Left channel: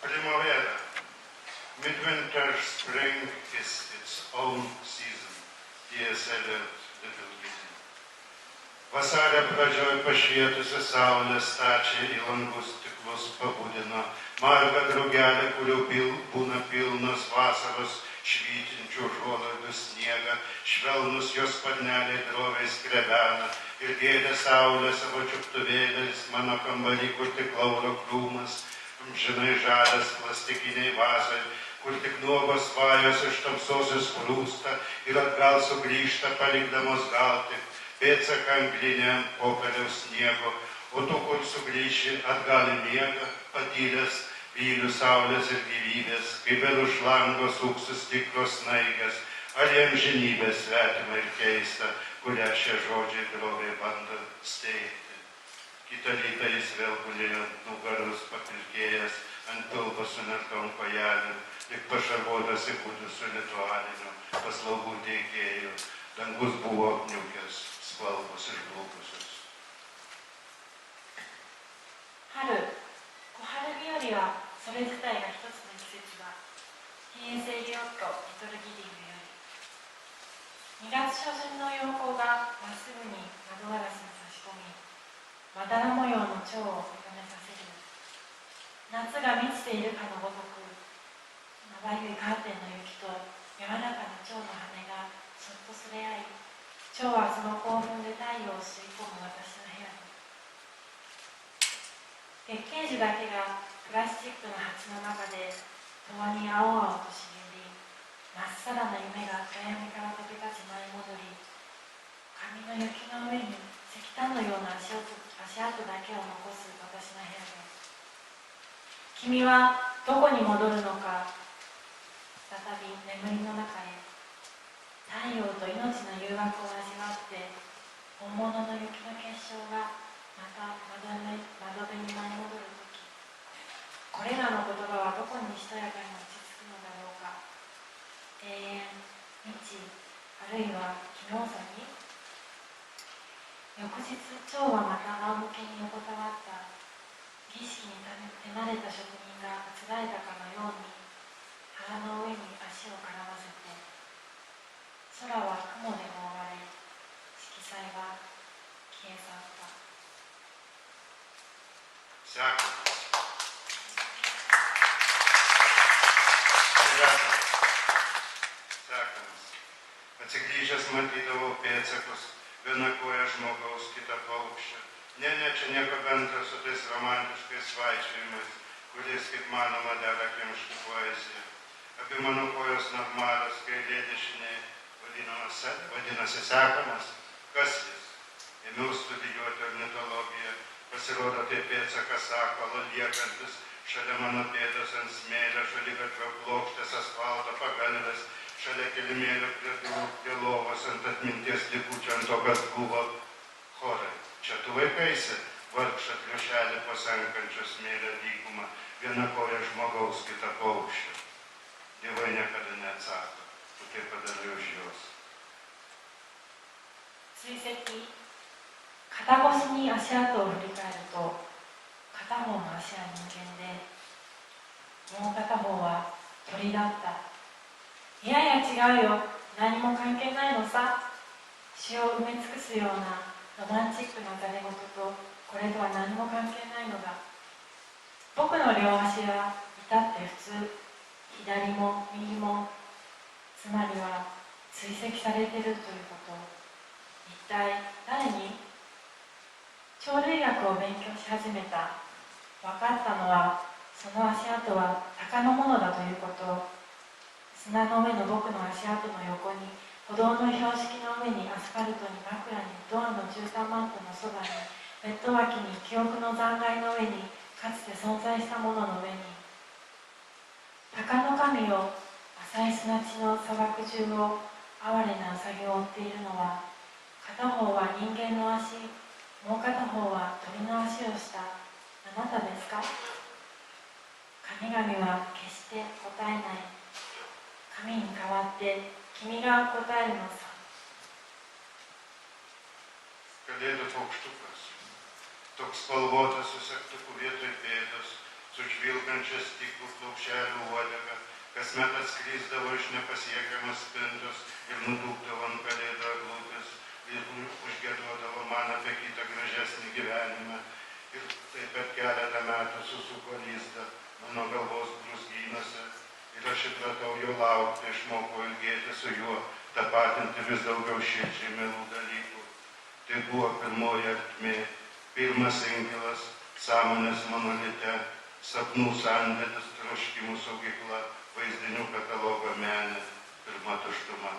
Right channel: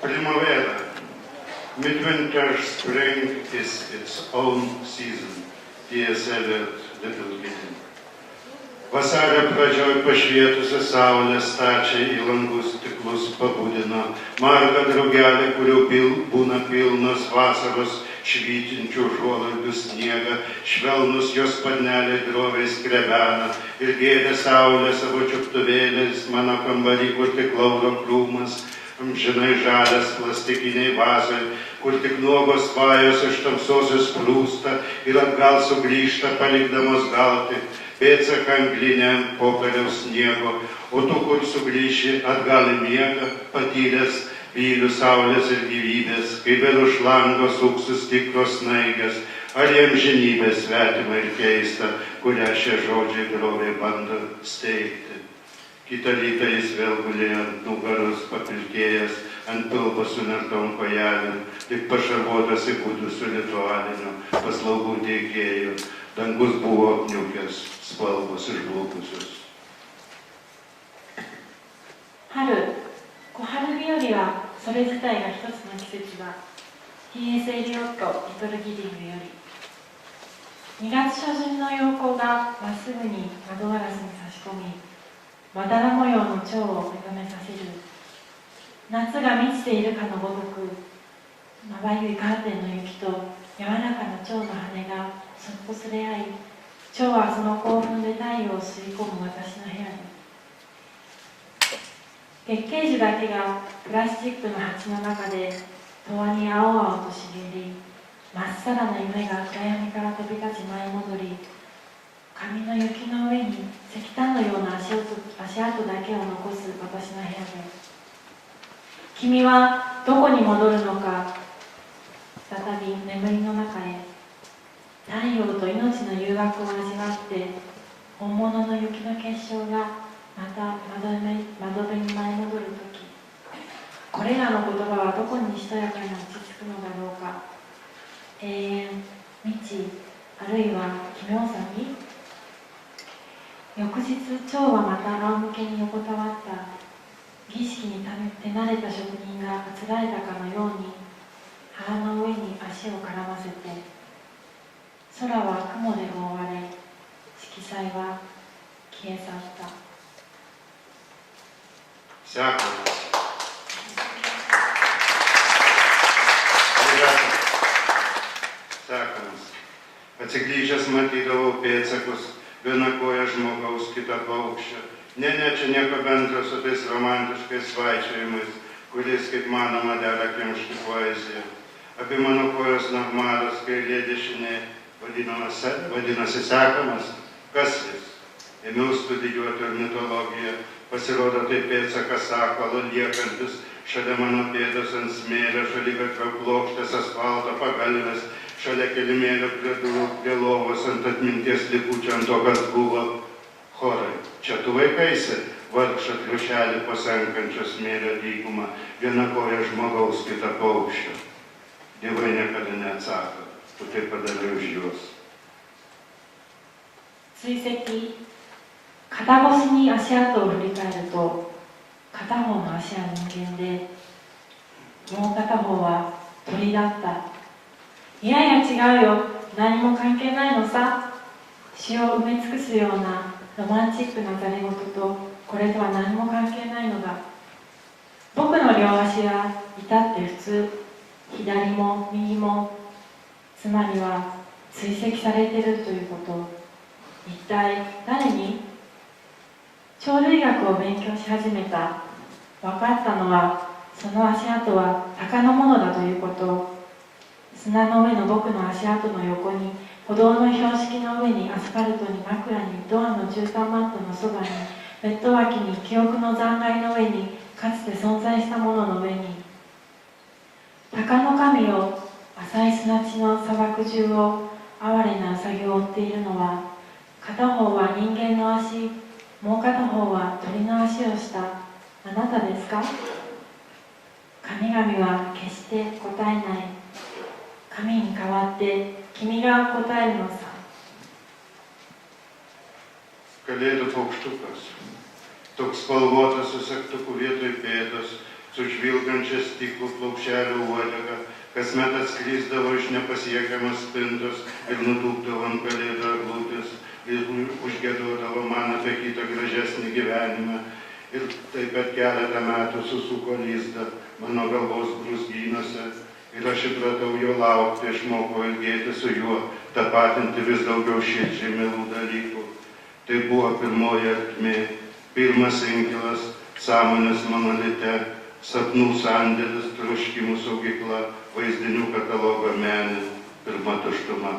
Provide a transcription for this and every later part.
Primavera. Midwinter spring is its own season. T.S. Eliot, Little Kitty. Vasario pradžioj pašvietusią saulę stačiai į langus stiklus pabudino margą drugelę, kurių būna pilnos vasaros švytinčių užuolaidų sniegą, švelnus jos sparneliai droviai skrebena ir gėdė saulę savo čiuptuvėliais mano kambarį, kur tik lauro krūmas, amžinai žalias plastikiniai vazai, kur tik nuogos svajos iš tamsosios sprūsta ir atgal sugrįžta, palikdamos gal tik pėdsaką anglinę ant popieriaus sniego, o tu, kur sugrįši atgal į miegą, patyręs vylių saulės ir gyvybės, kai vėl už lango suksis tikros snaigės, ar jam žinybė svetima ir keista, kurią šie žodžiai droviai bando steigti. Kitą rytą jis vėl gulėjo ant nugaros, papilkėjęs ant pilvo sunertom kojelėm, tik pašarvotas įkūdusiu ritualiniu paslaugų teikėjų. Dangus buvo apniukęs, spalvos išblukusios. 春、小春日和はそれ自体が一つの季節だ。T.S. エリオット、リトルギディングより。2月初旬の陽光がまっすぐに窓ガラスに差し込み、まだら模様の蝶を目覚めさせる。夏が満ちているかのごとく、まばゆいカーテンの雪と柔らかな蝶の羽がそっとすれ合い、蝶はその興奮で太陽を吸い込む私の部屋に。月桂樹だけがプラスチックの鉢の中で永遠に青々と茂り、まっさらな夢が暗闇から飛び立ち舞い戻り、紙の雪の上に石炭のような足跡だけを残す私の部屋で、君はどこに戻るのか、再び眠りの中へ。太陽と命の誘惑を味わって、本物の雪の結晶がまた窓辺に舞い戻るとき、これらの言葉はどこにしとやかに落ち着くのだろうか。永遠、未知、あるいは奇妙さに。翌日、蝶はまた仰向けに横たわった。儀式に手慣れた職人があつらえたかのように、腹の上に足を絡ませて、空は雲で覆われ、色彩は消え去った。Sekamas. Sekamas. Atsigrįžęs matydavau pėdsakus, viena koja žmogaus, kita paukščio. Ne, čia nieko bendro su tais romantiškais svaičiojimais, kuris, kaip manoma, dera kimšti poeziją. Abi mano kojos normalios, kairė dešinė, vadinasi Sekamas. Kas jis? Ėmiau studijuoti ornitologiją, pasirodo tai pėdsakas sakalo liekantis šalia mano pėdos ant smėlio, šaligatvio plokštės, asfalto pagalvės, šalia kilimėlio prie lovos ant atminties likučių, ant to, kas buvo. Chorai, čia tu vaikaisi, vargšą triušelį pasenkančio smėlio dykumą, viena koja žmogaus, kita paukščio. Dievai niekada neatsako, tu tai padarai už juos. 追跡、肩越しに足跡を振り返ると、片方の足は人間で、もう片方は鳥だった。いやいや違うよ、何も関係ないのさ。詩を埋め尽くすようなロマンチックなざれ言と、これとは何も関係ないのだ。僕の両足は至って普通、左も右も、つまりは追跡されているということ。一体誰に？鳥類学を勉強し始めた。分かったのは、その足跡は鷹のものだということ。砂の上の僕の足跡の横に、歩道の標識の上に、アスファルトに、枕に、ドアの絨毯マットのそばに、ベッド脇に、記憶の残骸の上に、かつて存在したものの上に。鷹の神を、浅い砂地の砂漠中を、哀れなウサギを追っているのは、片方は人間の足、もう片方は鳥の足をしたあなたですか？神々は決して答えない。神に代わって君が答えるのさ。Kalėdų paukštukas, toks spalvotas su segtuku vietoj pėdos, su žvilgančia stiklų plaušelių uodega, kasmet atskrisdavo iš nepasiekiamas spintos ir nutūpdavo ant kalėdų eglutės ir užgiedodavo man apie kitą gražesnį gyvenimą. Ir taip per keletą metų susuko lizdą mano galvos brūzgynuose ir aš įpratau jo laukti, išmokau ilgėti su juo, tapatinti vis daugiau širdžiai mielų dalykų. Tai buvo pirmoji ertmė, pirmas inkilas, sąmonės monolite, sapnų sandėlis, troškimų saugykla, vaizdinių katalogo menė, pirma tuštuma,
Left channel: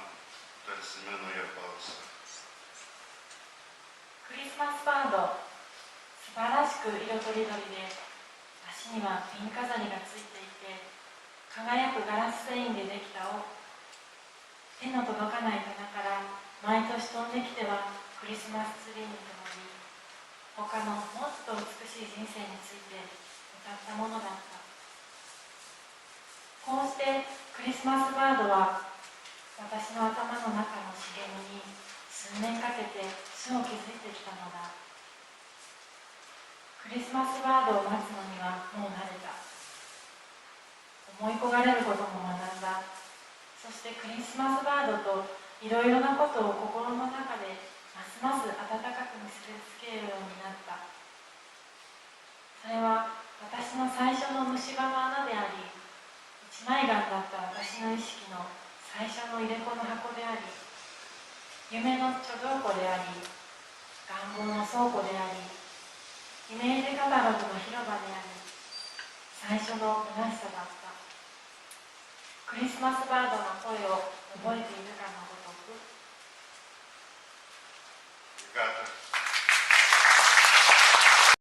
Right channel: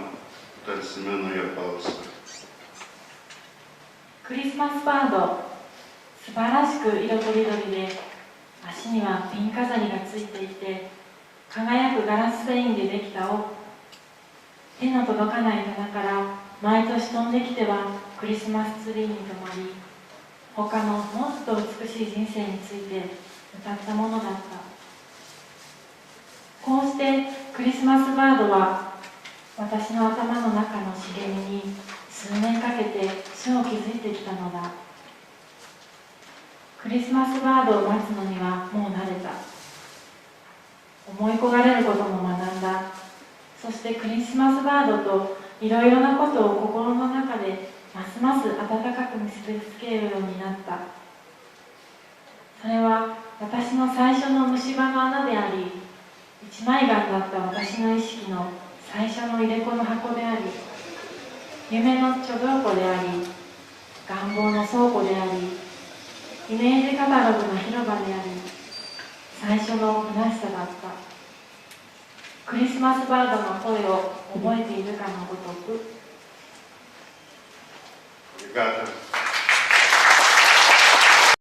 tarsi menoje balsą. クリスマスバード、素晴らしく色とりどりで、足にはピン飾りがついていて、輝くガラス繊維でできた尾、手の届かない棚から毎年飛んできてはクリスマスツリーに灯り、他のもっと美しい人生について歌ったものだった。こうしてクリスマスバードは私の頭の中の茂みに数年かけて種を築いてきたのだ。クリスマスバードを待つのにはもう慣れた。思い焦がれることも学んだ。そしてクリスマスバードといろいろなことを心の中でますます温かく結びつけるようになった。それは私の最初の虫歯の穴であり、一枚岩だった私の意識の最初の入れ子の箱であり、夢の貯蔵庫であり、願望の倉庫であり、イメージカタログの広場であり、最初の虚しさだった。クリスマスバードの声を覚えているかのごとく。Obrigado.